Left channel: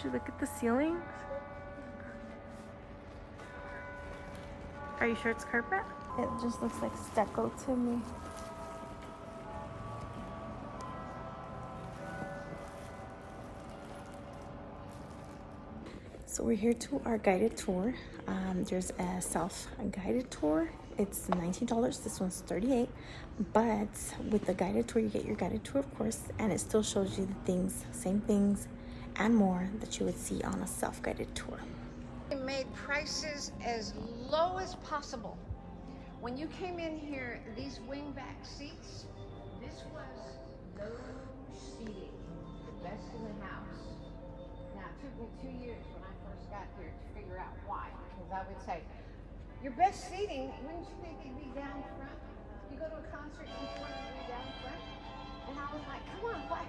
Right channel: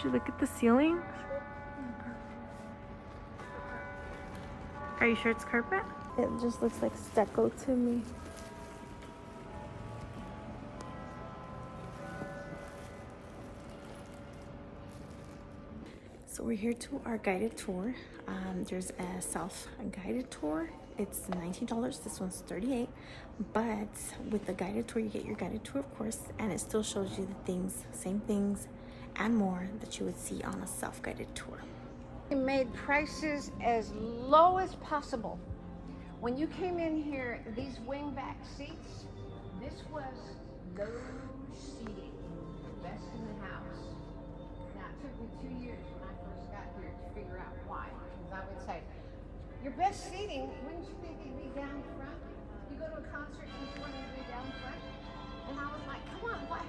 Should you look at the ceiling? Are you sure it's carpet? It just looks like stucco to me. So we're here to our guided tour. There's a self-guided tour. It's $19. This one's $38. But with the guided tour, you get your guided tour, of course, and it still shows you the things, same things, and more that you would see on a self-guided tour. We made prices as low as possible. When you came in here, these wingback seats, this was low seating, best in the house. Now, it took me 2 years when I first got here to figure out why. Because I would say, your best seating, wouldn't you think it'd be down front? You go to a concert before you'd be down front? And I was like, come on, what?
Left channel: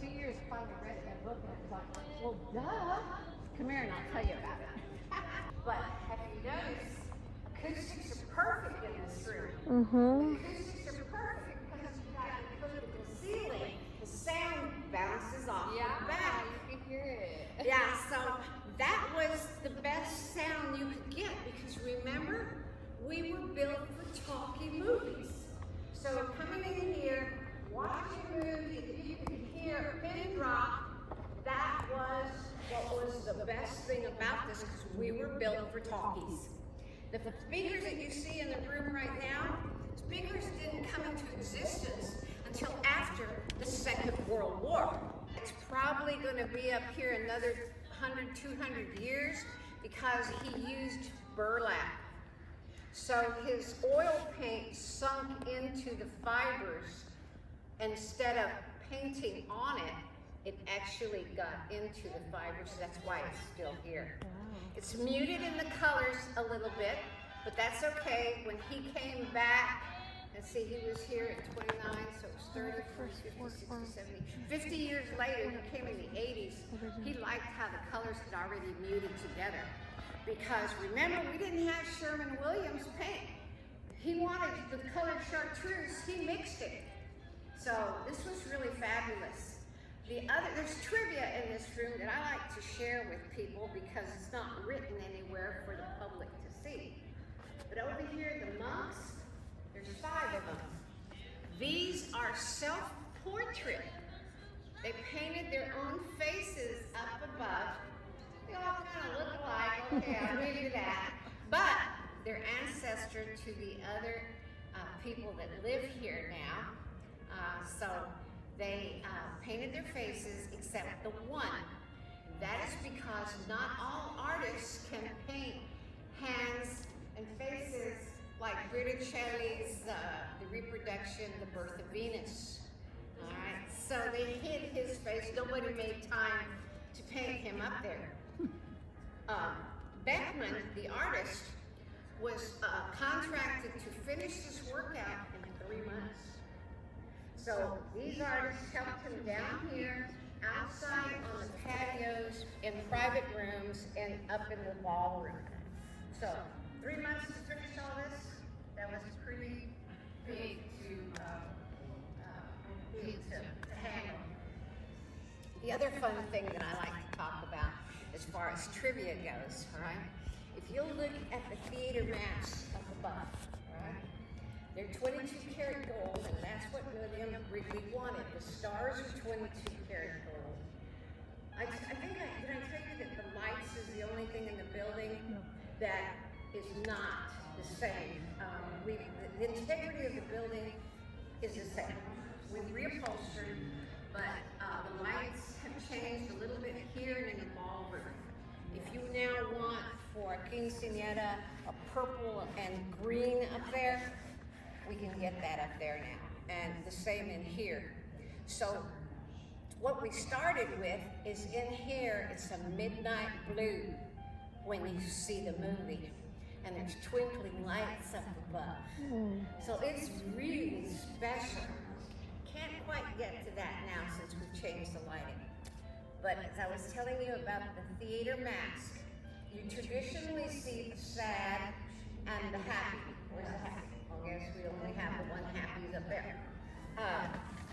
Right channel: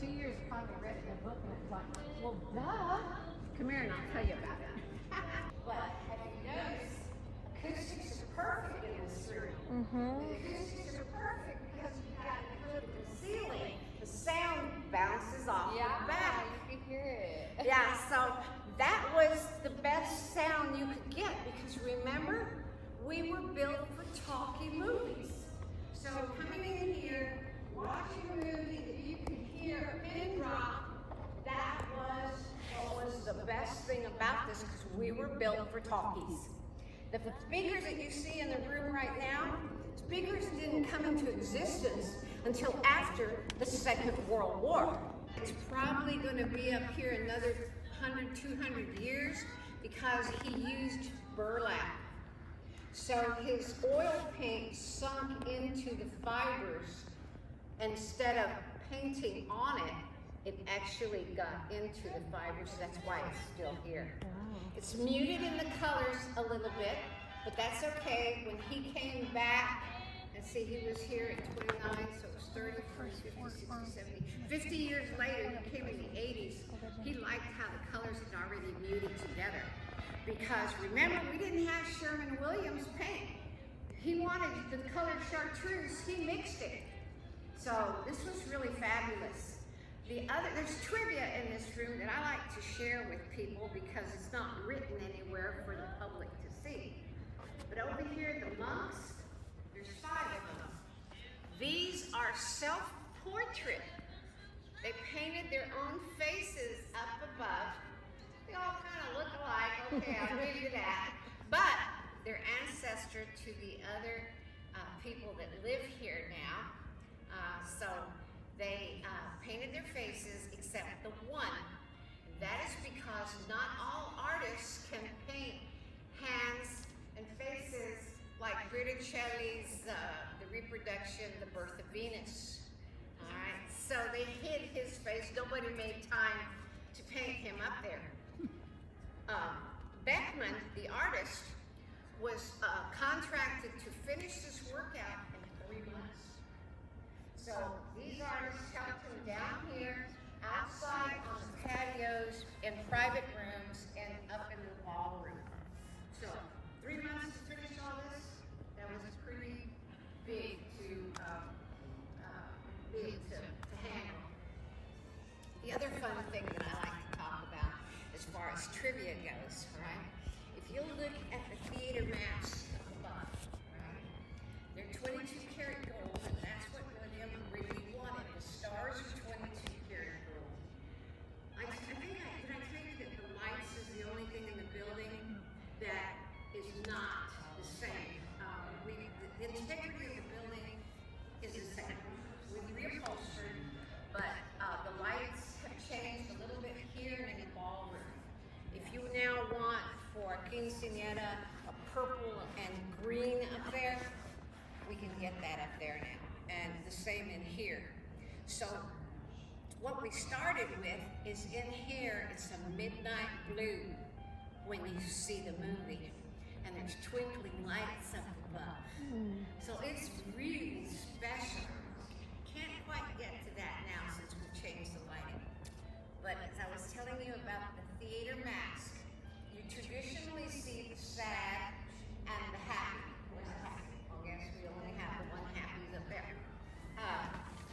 2 years finally read that book and I was like, well, duh. Come here and I'll tell you about it. But have you noticed, acoustics are perfect in this room. The acoustics are perfect because you got to put it in the ceiling. The sound bounces off the back. You can hear it. Yeah, so that was the best sound you could get because remember, we were built for talkie movies. So coming in here, watching a movie that you could hear a pin drop, that was what was the best thing about this because we were built for talkies. The speakers that you see in the room right now, speakers didn't come into existence until after the Second World War. It's probably going to be up here another 100, 200 years because he used burlap. So his oil paint sunk into the fibers. Instead of painting on it, it actually got into the fibers. That's why it's still here. Wow. It's muted in the colors a little bit, but that's okay. When he came back, and see, he was here at 29, so it was 30, 40, 50, 60, 70. 50 years later, he came in the 80s. He liked how the colors had already muted together. Because remember, we didn't have Sherman-Williams paint. He wanted the colored chartreuse, he mixed it. So this was really fabulous. There's trivia in this room that I like to share with people because it's not written anywhere for the public to see. But over here, the monks, there's 5 of them. These are self-portrait. They painted their own faces up above. They all kind of look alike, okay, I'll give you that. But they're ancestor to the other people that live here now. So they painted their faces except the one. That is because not all artists can paint hands and faces like Botticelli's The Reproduction, The Birth of Venus. All right, so they hid his face. Nobody made time to paint him up there. Beckman, the artist, was contracted to finish this work out in 3 months. So these artists helped him down here, outside on the patios, in private rooms, and up in the ballroom. So 3 months to finish all this, that was pretty big to handle. The other fun thing that I like to talk about as far as trivia goes, all right? If you look at the theater maps up above, all right? They're 22 karat gold, and that's what William really wanted. The stars are 22 karat gold. I think did I tell you that the lights is the only thing in the building that is not the same. The integrity of the building is the same. We reupholstered, but the lights have changed a little bit here in the ballroom. If you now want for a quinceañera a purple and green up there, we can get that up there now. And the same in here. So what we started with is in here, it's a midnight blue when you see the movie. And there's twinkling lights up above. So it's really special. Can't quite get to that now since we've changed the lighting. But as I was telling you about the theater mask, you traditionally see the sad and the happy. Where's the happy? I guess we only have the one happy up there.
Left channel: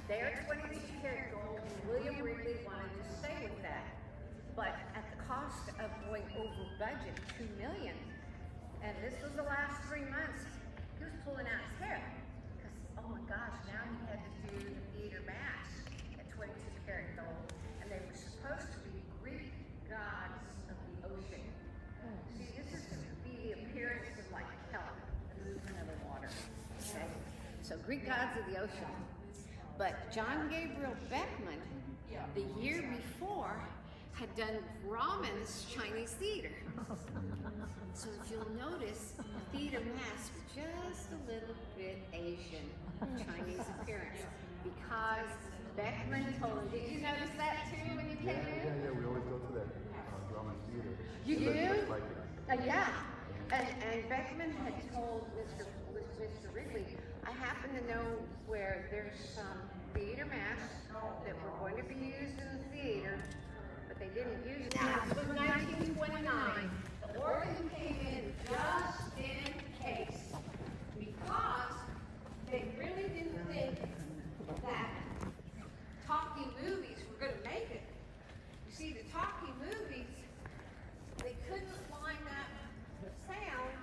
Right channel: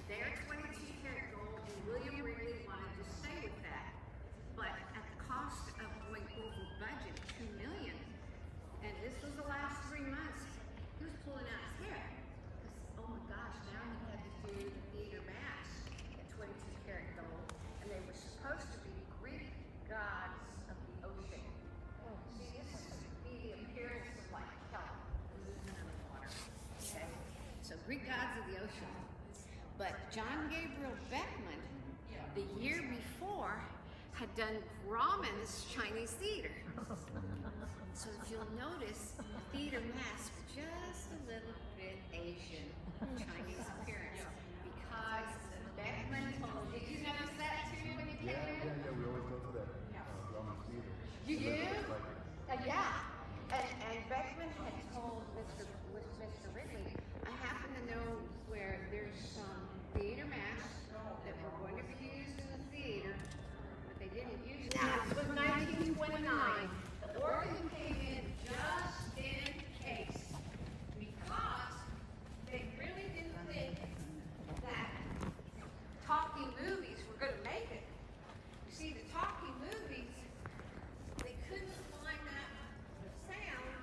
They are 22 karat gold, and William really wanted to stay with that. Greek gods of the ocean. But John Gabriel Beckman, the year before, had done Raman's Chinese theater. So if you'll notice, the theater mask just a little bit Asian, Chinese appearance, because Beckman told. Did you notice that too when you came in? Yeah, we always go to that. You do? Yeah. And Beckman had told Mr. Ridley, I happen to know where there's some theater masks that were going to be used in the theater, but they didn't use it. Now, it was 1929. The organ came in just in case, because they really didn't think that talkie movies were going to make it. You see, the talkie movies, they couldn't line up the sound,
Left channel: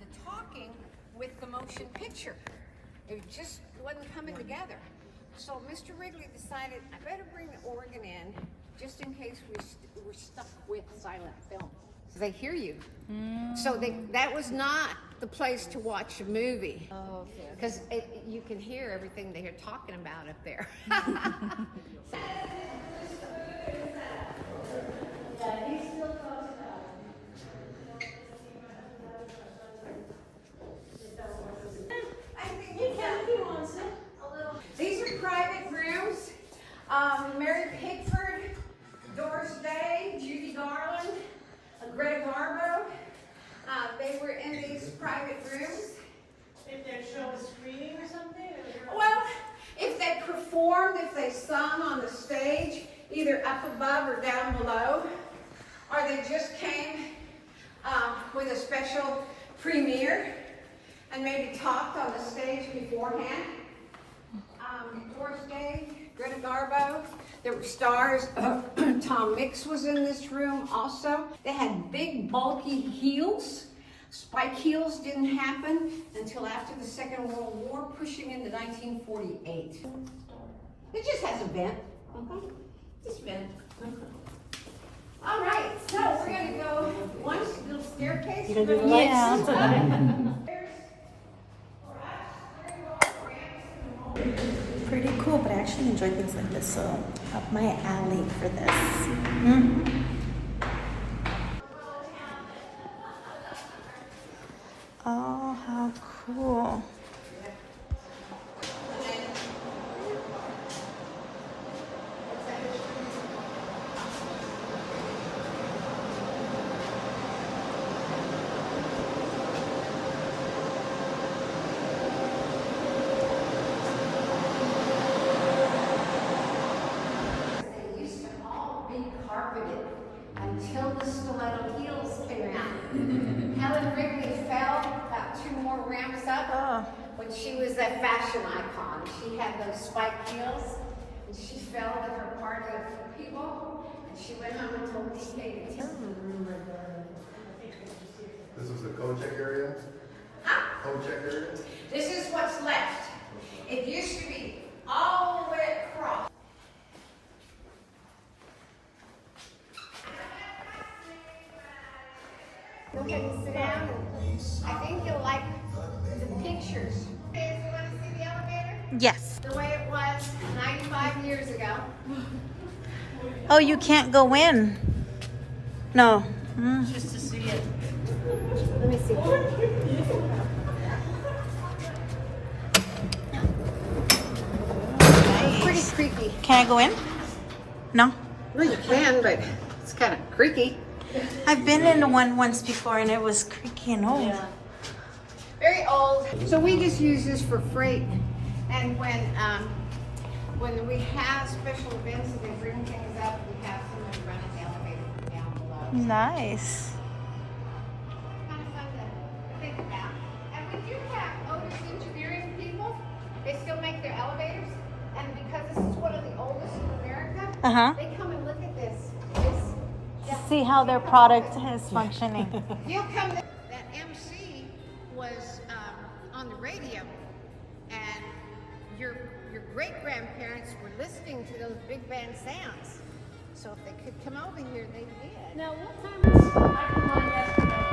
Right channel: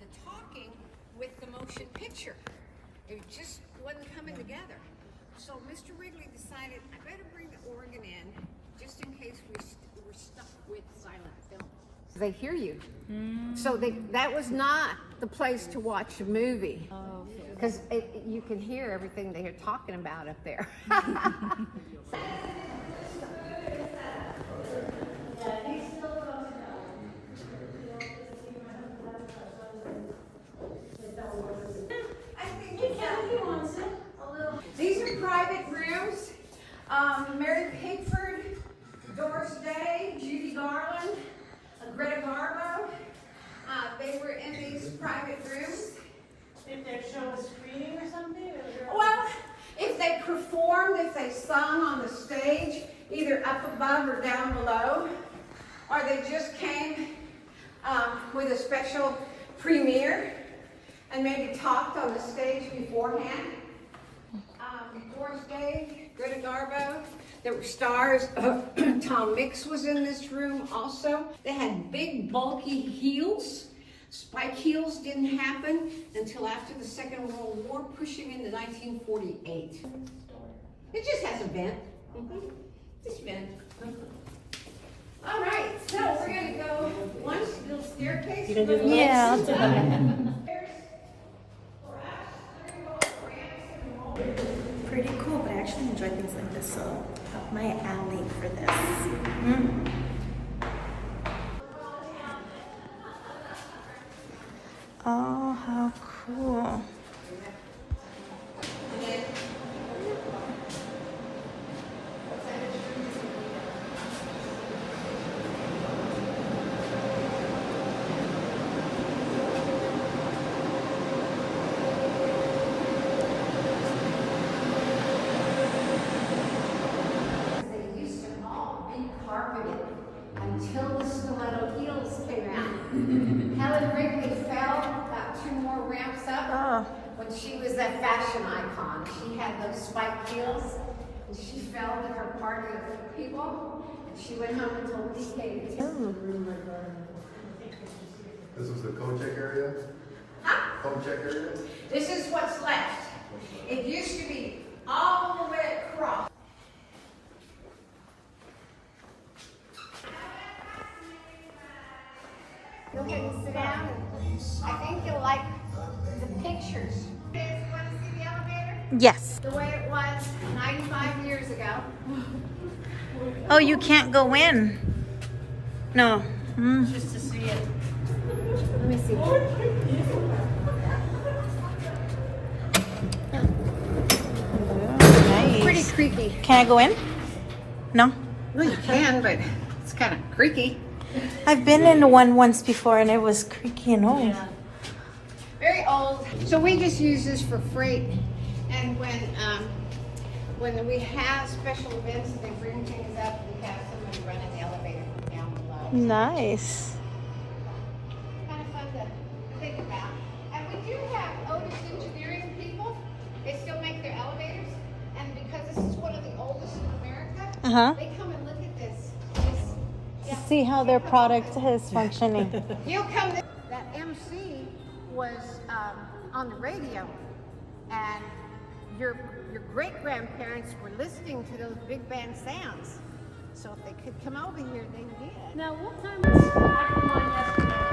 the talking, with the motion picture. It just wasn't coming together. So Mr. Wrigley decided, I better bring the organ in, just in case we're stuck with silent film. They hear you. So that was not the place to watch a movie. Because you can hear everything they're talking about up there. These are private rooms. Mary Pickford, Doris Day, Judy Garland, Greta Garbo. They were in these private rooms. If they show a screening or something? Well, if they performed, if they sung on the stage, either up above or down below, or they just came with a special premiere and maybe talked on the stage beforehand. Doris Day, Greta Garbo, there were stars. Tom Mix was in this room also. They had big bulky heels. Spike heels didn't happen until after the Second World War, pushing into 1948. It just has a vent. Just a vent. All right, so we're going to go one little staircase. You're gonna do the lights? Pretty cool, but I actually enjoy things like this, so up my alley for this. Oh, how cool. Until the stiletto heels came out. Helen Wrigley fell about 2 more ramps up when she was that fashion icon. She had those spiked heels, and she fell with her party of people, and she went home and told me she hated it. This was the co-check area? Co-check area? This is what's left. It used to be all the way across. Go ahead and sit down. I think you'll like the pictures. You want to see the elevator? Yes. The way it was 95 years ago. Oh, you can't go in. No. Just to see it. Let me see. Nice. Pretty creaky. Can I go in? No. Well, you can, but it's kind of creaky. I've been in one once before and it was creaky and old. Very old. So we just use this for freight, and when we have special events and they bring things up, we have somebody running the elevator down below. Nice. Kind of fun to think about. And we do have Otis Engineering people. They still make their elevators, and because this is one of the oldest in America, they come and look at this. See how their product is functioning. You'll come. That MC was on the radio, and your great-grandparents were listening to those big band sounds. So if they could come over here, they did. Now, what time is